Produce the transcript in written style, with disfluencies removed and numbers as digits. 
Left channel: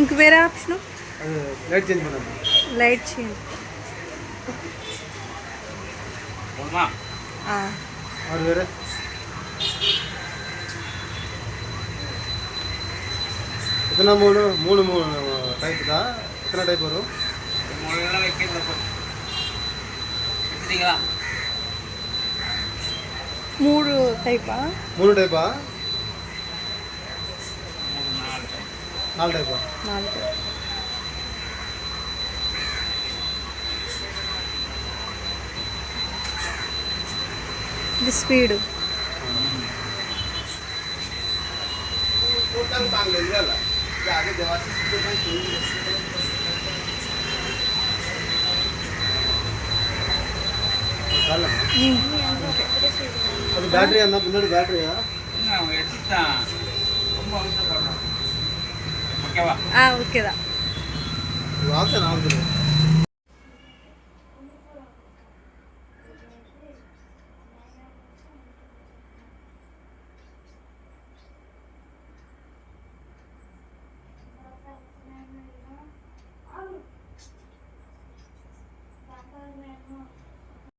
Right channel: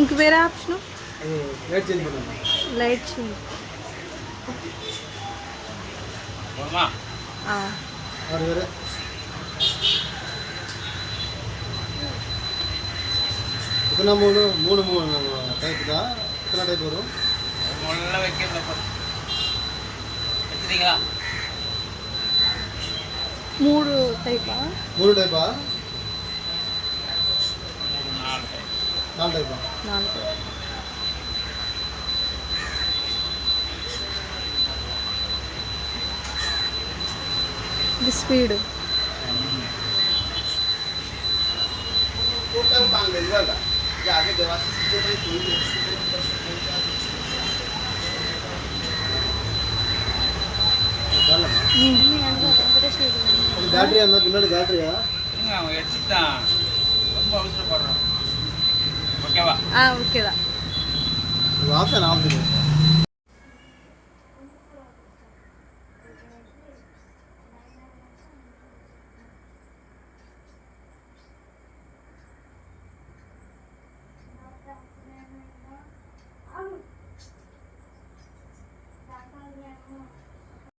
ఇంక వేరే option light change பண்ணணும். Light change. और வேற इतना மூணு டைப் தான். எத்தனை டைப் வரும்? முள்ள வைக்கிறத வச்சிட்டீங்களா? 3 டைப்பா? 3 டைப்பா? 4 டைப். 4 டைப்பா? 4 டைப். ఇది స్పీడ్. பேட்டரி அந்த முன்னாடி பேட்டரியா? அவன் எடுத்துட்டான். ரொம்ப அவசரப்படுறான். ஓகேவா? ஓகேதான். வாசனை ஆகுது.